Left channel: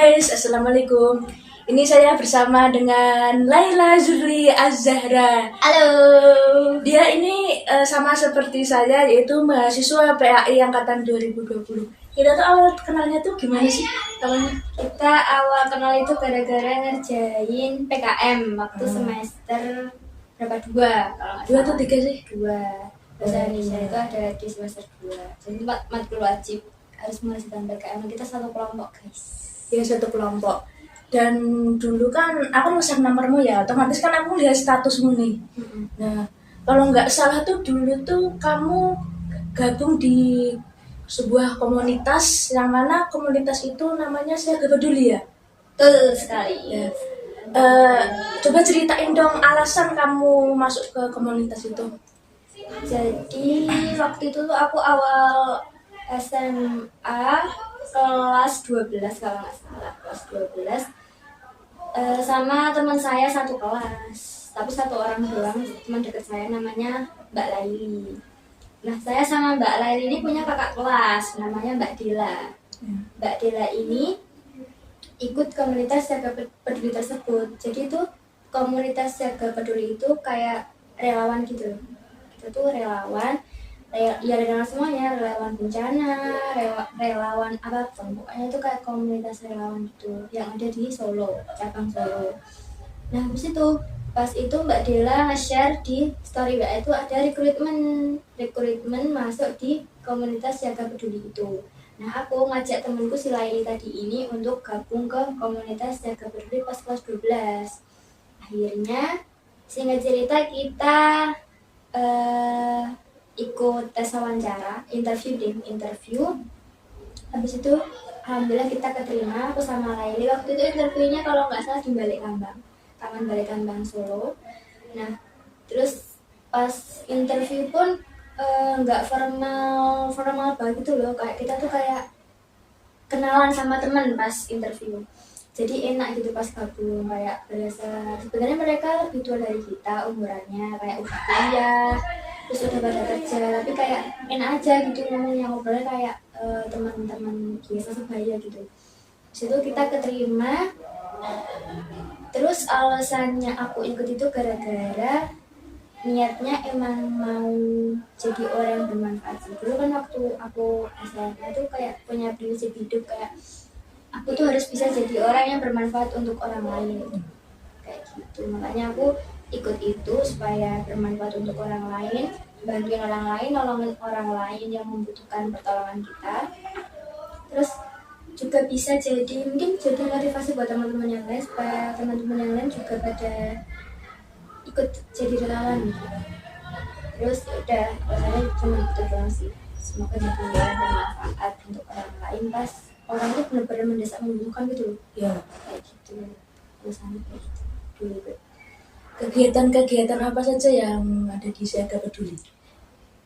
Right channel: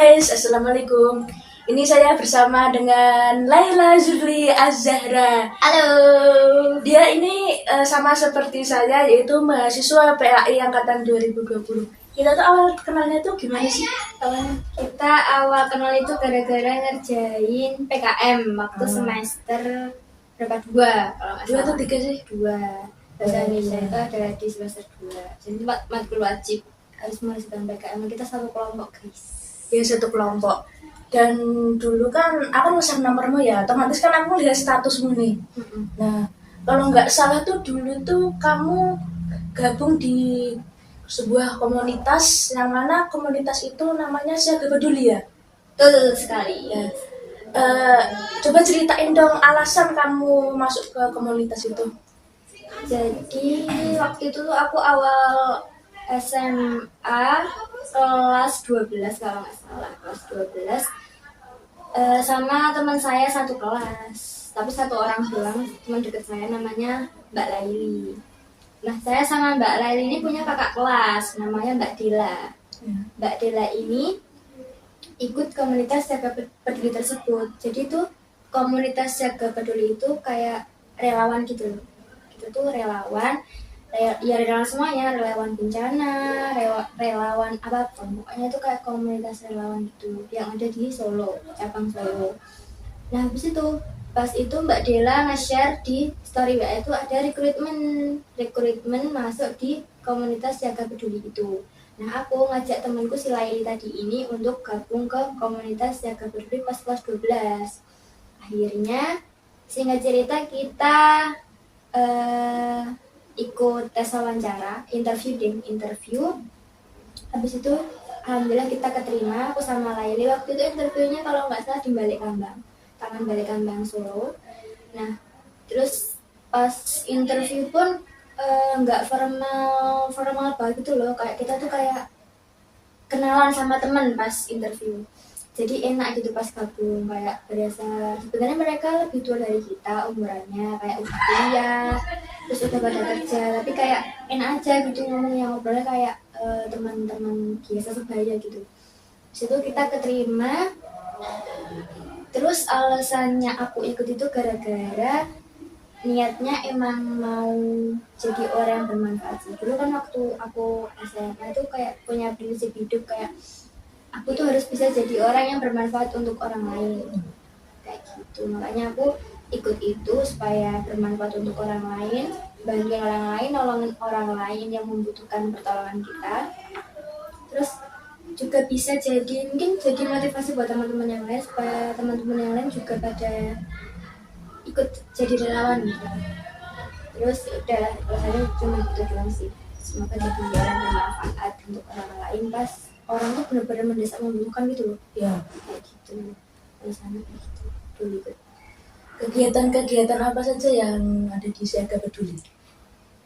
guys, Assalamualaikum. Ini saya bersama dengan Laila Zurli Az-Zahra. Halo. Dia ini sama seperti saya, yaitu mahasiswa PAI Angkatan 2020. Kita tuh awal kenalnya tuh gimana sih awalnya? Kita awal kenal itu gara-gara ngerjain PKM waktu semester berapa? Dua kalau nggak Dua atau salah. tiga sih? Dua. Bahasa Indonesia itu ada di semester 2. Jadi matkul wajib harus mengerjakan PKM. Kita satu kelompok, guys. Ya, satu kelompok. Dan dulu kan aku nulis nomormu ya, otomatis kan aku lihat statusmu nih. Nah, kalau nggak salah tuh dulu tuh kamu gabung di sebuah komunitas yang mana komunitas itu namanya Siaga Peduli ya. Betul sekali. Ya. Coba ceritain dong alasan kamu masuk ke komunitas itu. Jadi waktu itu tuh aku awal SMA kelas 12 kalau nggak salah, kelas 12 sama teman saya satu kelas, tapi satu orang doang, teman dekat saya namanya Mbak Laili. Nah, saya sama Mbak Laili ini punya kakak kelas namanya Mbak Dela. Mbak Dela ini ikut komunitas Jaga Peduli tersebut. Jadi itu komunitas Jaga Peduli itu kayak relawan gitu. Itu tuh relawan, ya relawan semuanya, relawan bencana, relawan apapun. Pokoknya itu kayak komunitas relawan gitu yang ada di Solo, cabang Solo. Nah, habis itu pas itu Mbak Dela nge-share di story WA itu ada rekrutmen masuk di komunitas Jaga Peduli itu. Nah, aku ngajak temanku si Laili tadi ini untuk gabung ke komunitas Jaga Peduli pas kelas 12. Akhirnya singkat cerita kita ikut tes wawancara, interview. Habis itu alhamdulillah kita keterima, aku sama Laili. Waktu itu interviewnya kalau nggak salah di Taman Balai Kambang Solo. Nah, terus pas interview pun nggak formal banget gitu loh, kayak kita tuh kayak kenalan sama teman pas interview. Jadi enak gitu pas gabung, kayak berasa sebenarnya mereka lebih tua dari kita umurannya, kayak udah kuliah, terus udah pada kerja, tapi kayak enak aja gitu ngomongnya, ngobrolnya kayak teman-teman biasa sebaya gitu. Situ kita keterima. Terus alasannya aku ikut itu gara-gara niatnya emang mau jadi orang yang bermanfaat sih. Dulu kan waktu aku SMA tuh kayak punya prinsip hidup kayak aku tuh harus bisa jadi orang yang bermanfaat untuk orang lain, kayak gitu. Makanya aku ikut itu supaya bermanfaat untuk orang lain, bantuin orang lain, nolongin orang lain yang membutuhkan pertolongan kita. Terus juga bisa mungkin jadi motivasi buat teman-teman yang lain, supaya teman-teman yang lain juga pada ikut jadi relawan gitu. Terus udah rasanya cuma itu doang sih, semoga jadi orang yang bermanfaat untuk orang lain pas orang tuh benar-benar mendesak membutuhkan gitu loh. Ya. Kayak gitu rasanya, kayak gitu dulu tuh. Kegiatan-kegiatan apa saja yang ada di Siaga Peduli?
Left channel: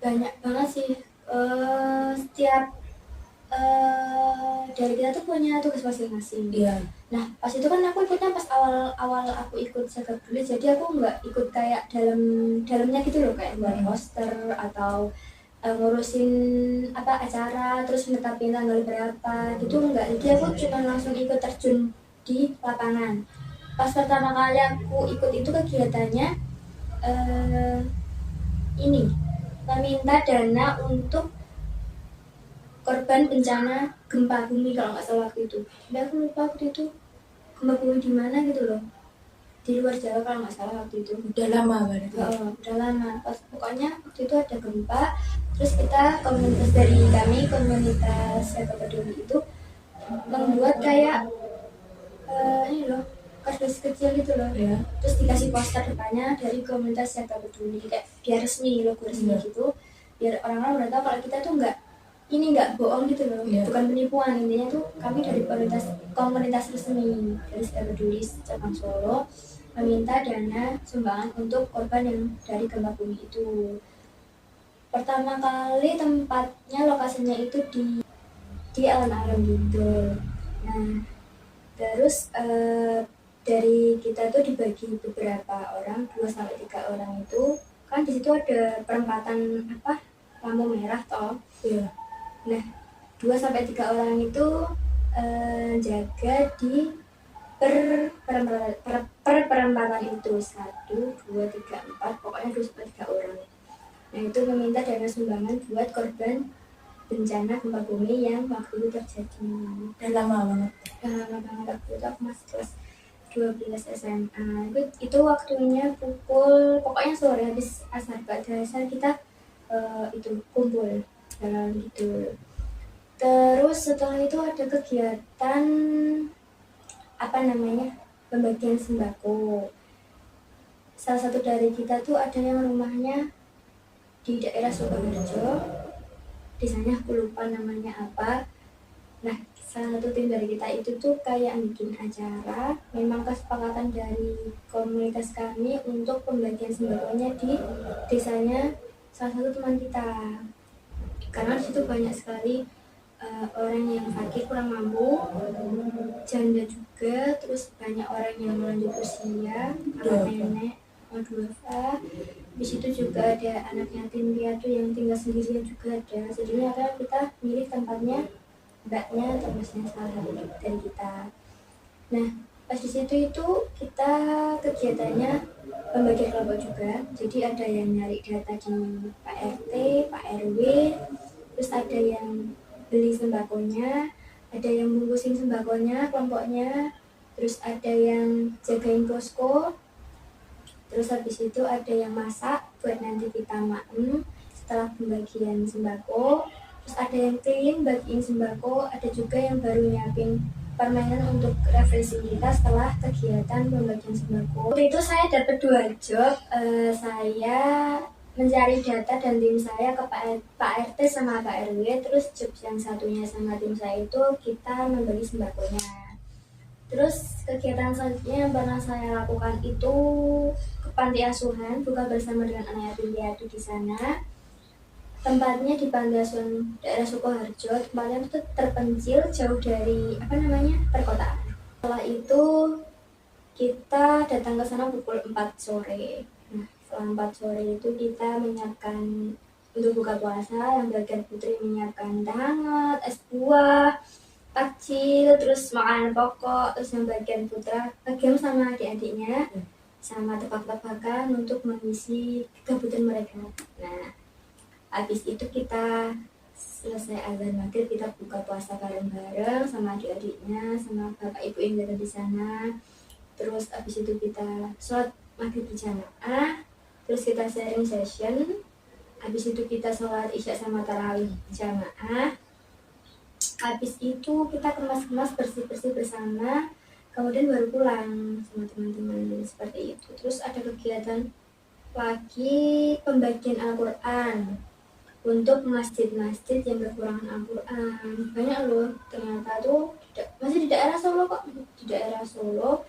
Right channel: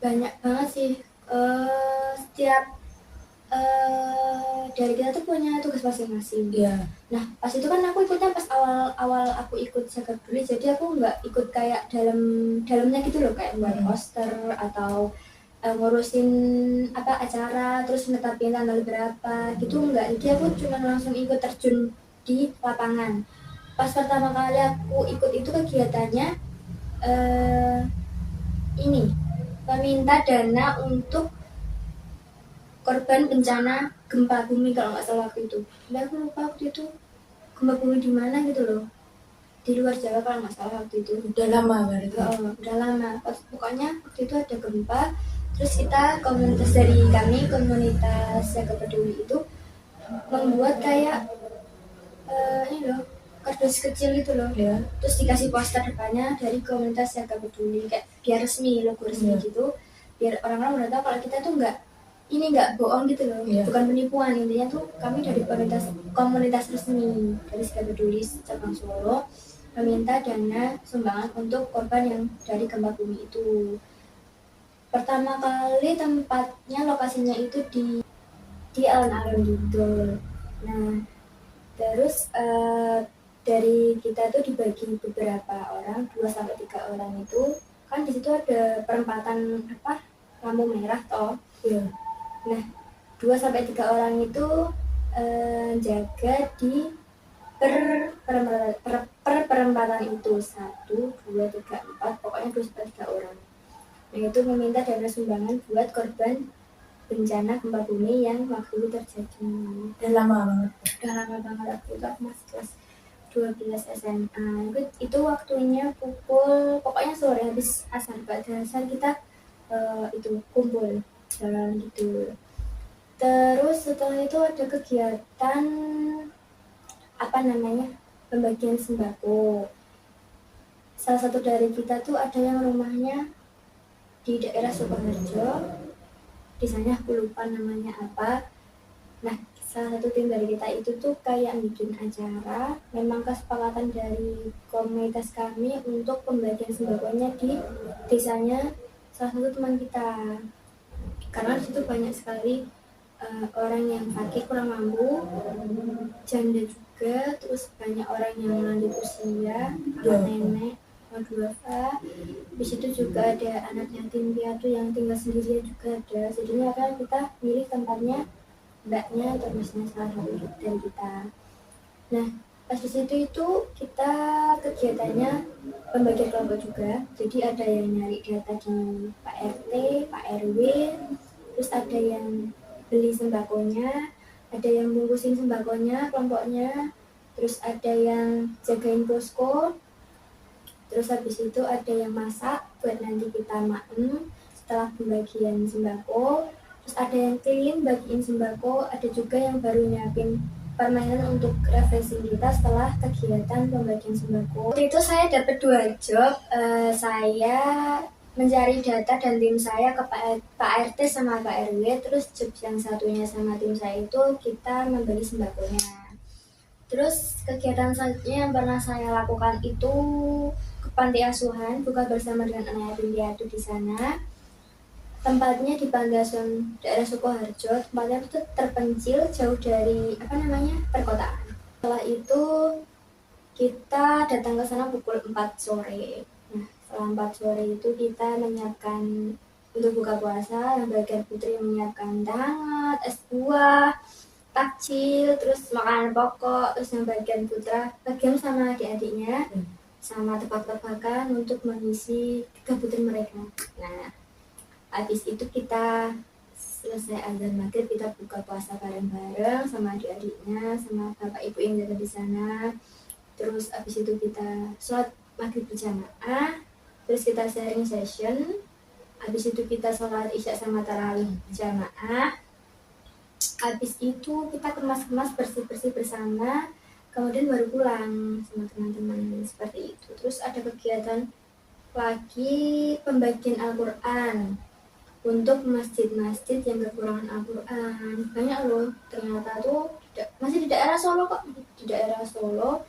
Banyak banget sih. Setiap dari kita tuh punya tugas masing-masing. Iya. Nah, pas itu kan aku ikutnya pas awal aku ikut Jaga Peduli, jadi aku nggak ikut kayak dalamnya gitu loh, kayak buat poster atau ngurusin apa acara, terus menetapin tanggal berapa gitu, enggak. Jadi aku cuma langsung ikut terjun di lapangan. Pas pertama kali aku ikut itu kegiatannya ini meminta dana untuk korban bencana gempa bumi kalau nggak salah waktu itu. Dan aku lupa waktu itu gempa bumi di mana gitu loh, di luar Jawa kalau nggak salah waktu itu. Udah lama berarti. Udah lama. Pokoknya waktu itu ada gempa, terus kita komunitas Jaga Peduli itu membuat kayak ini loh, kardus kecil gitu loh. Ya. Terus dikasih poster depannya dari komunitas Jaga Peduli, kayak biar resmi, logo resmi gitu, biar orang-orang udah tahu kalau kita tuh nggak bohong gitu loh, bukan penipuan. Intinya tuh kami dari komunitas resmi dari Jaga Peduli cabang Solo meminta dana sumbangan untuk korban yang dari gempa bumi itu. Pertama kali tempatnya, lokasinya itu di alun-alun gitu. Nah, terus dari kita tuh dibagi beberapa orang, 2-3 orang itu kan di situ ada perempatan lampu merah toh. Iya. Nah, 2-3 orang itu jaga di perempatan itu 1, 2, 3, 4, pokoknya 2-3 orang. Nah itu meminta dana sumbangan buat korban bencana gempa bumi yang waktu itu terjadi. Udah lama banget. Udah lama banget, waktu itu aku masih kelas 12 SMA. Itu waktunya pokoknya sore habis asar pada asar kita itu kumpul dalam gitu. Terus setelah itu ada kegiatan pembagian sembako. Salah satu dari kita tuh ada yang rumahnya di daerah Sukoharjo, di sana aku lupa namanya apa. Nah salah satu tim dari kita itu tuh kayak bikin acara, memang kesepakatan dari komunitas kami untuk pembagian sembakonya di desanya salah satu teman kita, karena disitu banyak sekali orang yang fakir kurang mampu, janda juga, terus banyak orang yang lanjut usia, anak nenek, duafa. Di situ juga ada anak yatim piatu yang tinggal sendirian juga ada. Jadinya kan kita pilih tempatnya mbaknya atau masnya salah satu dari kita. Nah pas di situ itu kita kegiatannya pembagian kelompok juga. Jadi ada yang nyari data di Pak RT, Pak RW, terus ada yang beli sembakonya, ada yang bungkusin sembakonya kelompoknya, terus ada yang jagain posko, terus habis itu ada yang masak buat nanti kita makan setelah pembagian sembako, terus ada yang clean bagiin sembako, ada juga yang baru nyiapin permainan untuk referensi kita setelah kegiatan pembagian sembako. Waktu itu saya dapat 2 job, saya mencari data dan tim saya ke Pak RT sama Pak RW, terus job yang satunya sama tim saya itu kita membeli sembakonya. Terus kegiatan selanjutnya yang pernah saya lakukan itu ke panti asuhan, buka bersama dengan anak yatim piatu di sana. Tempatnya di panti asuhan daerah Sukoharjo, tempatnya itu terpencil jauh dari perkotaan. Setelah itu kita datang ke sana pukul 4 sore. Nah, setelah 4 sore itu kita menyiapkan untuk buka puasa, yang bagian putri menyiapkan teh hangat, es buah, takjil, terus makanan pokok, terus yang bagian putra bagian sama adik-adiknya sama tebak-tebakan untuk mengisi kebutuhan mereka. Nah, habis itu kita selesai azan maghrib, kita buka puasa bareng-bareng sama adik-adiknya, sama bapak ibu yang ada di sana. Terus habis itu kita sholat maghrib berjamaah, terus kita sharing session, habis itu kita sholat isya sama tarawih jamaah. Habis itu kita kemas-kemas bersih-bersih bersama, kemudian baru pulang sama teman-teman seperti itu. Terus ada kegiatan lagi pembagian Al-Quran untuk masjid-masjid yang kekurangan Al-Quran. Banyak loh ternyata tuh, masih di daerah Solo kok, di daerah Solo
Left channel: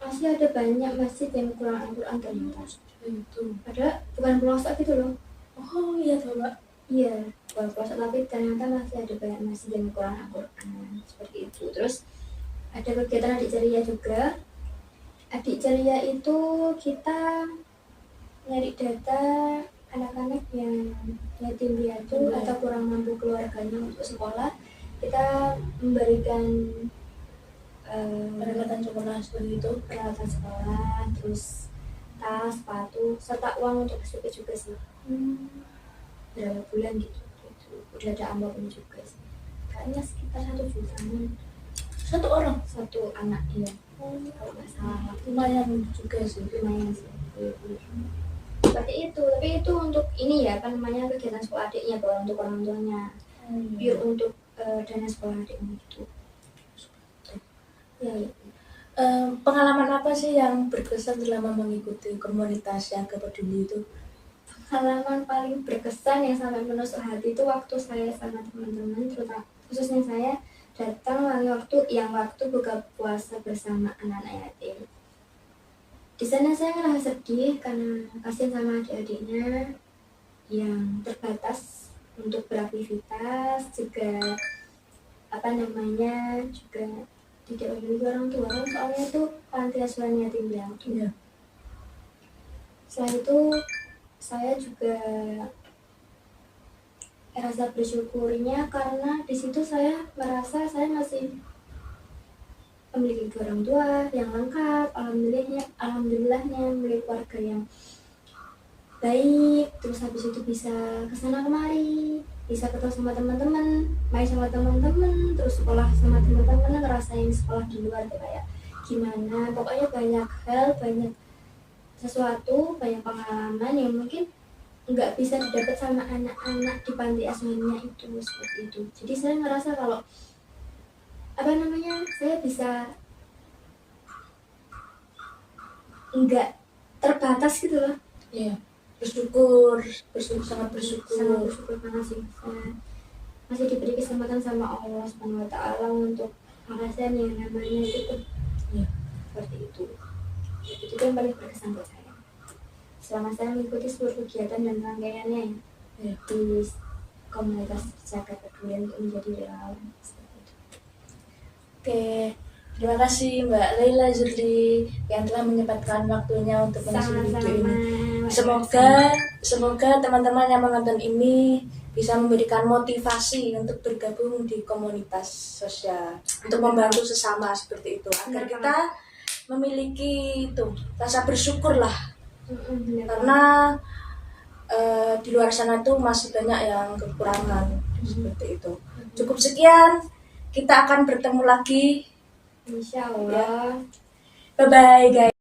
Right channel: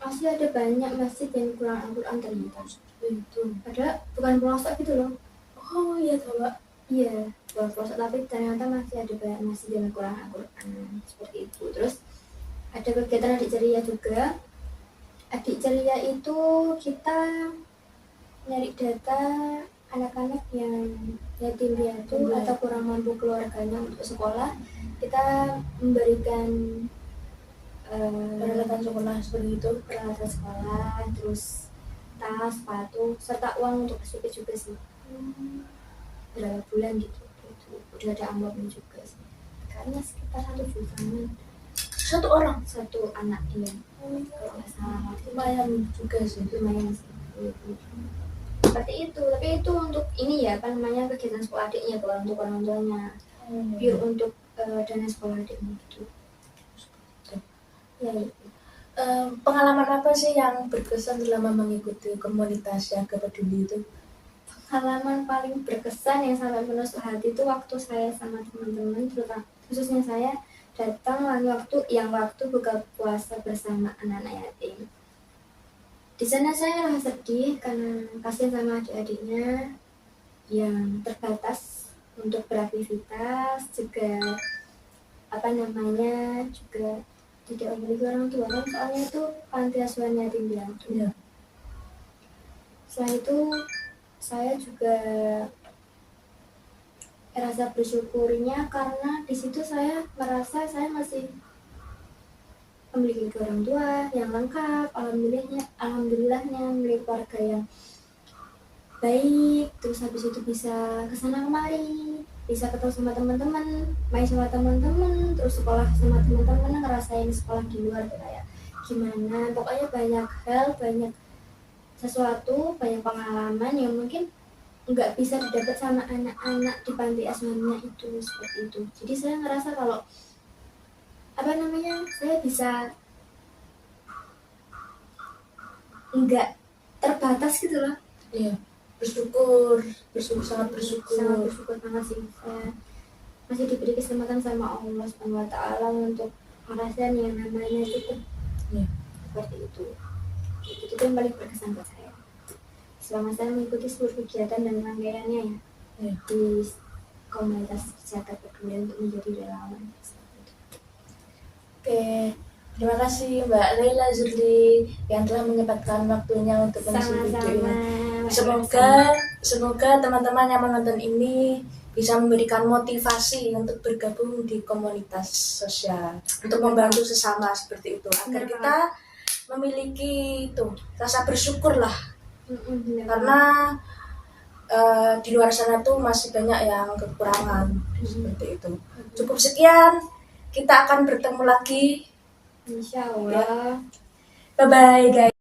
masih ada banyak masjid yang kekurangan Al-Quran ternyata. Itu Padahal bukan pelosok gitu loh. oh iya coba. Iya, bukan pelosok, tapi ternyata masih ada banyak masjid yang kekurangan Al-Quran seperti itu. Terus ada kegiatan adik ceria juga. Adik ceria itu kita nyari data anak-anak yang yatim piatu atau kurang mampu keluarganya untuk sekolah. Kita memberikan Peralatan sekolah seperti itu. peralatan sekolah, terus tas, sepatu, serta uang untuk SPP juga sih. Berapa bulan gitu. Udah ada amplopnya juga sih. Kayaknya sekitar 1 juta. Satu orang, Satu anak ya. Kalau nggak salah. lumayan juga sih. Lumayan sih. Seperti itu. Tapi itu untuk ini ya, kegiatan sekolah adiknya, bukan untuk orang tuanya. Pure untuk dana sekolah adiknya gitu. Ya, ya. Pengalaman apa sih yang berkesan selama mengikuti komunitas Jaga Peduli itu? Pengalaman paling berkesan yang sangat menusuk hati itu waktu saya sama teman-teman, terutama khususnya saya datang waktu buka puasa bersama anak-anak yatim. Di sana saya merasa sedih karena kasihan sama adik-adiknya yang terbatas untuk beraktivitas, juga juga tidak memiliki orang tua kan, soalnya itu panti asuhan yatim piatu. Ya. Setelah itu saya juga rasa bersyukurnya karena di situ saya merasa saya masih memiliki dua orang tua yang lengkap, alhamdulillahnya memiliki keluarga yang baik, terus habis itu bisa kesana kemari, bisa ketemu sama teman-teman, main sama teman-teman, terus sekolah sama teman-teman, ngerasain sekolah di luar tuh kayak gimana, pokoknya banyak hal, banyak sesuatu, banyak pengalaman yang mungkin nggak bisa didapat sama anak-anak di panti asuhannya itu, seperti itu. Jadi saya ngerasa kalau saya bisa nggak terbatas gitu loh. Iya, bersyukur sangat bersyukur. Sangat bersyukur banget sih, saya masih diberi kesempatan sama Allah Subhanahu wa Ta'ala untuk ngerasain yang namanya cukup. Iya. Seperti itu yang paling berkesan buat saya selama saya mengikuti seluruh kegiatan dan rangkaiannya Iya. di komunitas jaga peduli untuk menjadi relawan. Oke, terima kasih Mbak Leila Zurli yang telah menyempatkan waktunya untuk mengisi video ini. Semoga teman-teman yang menonton ini bisa memberikan motivasi untuk bergabung di komunitas sosial, untuk membantu sesama seperti itu, agar kita memiliki itu rasa bersyukur lah, karena di luar sana tuh masih banyak yang kekurangan seperti itu. Cukup sekian, kita akan bertemu lagi Insya Allah. Bye bye guys.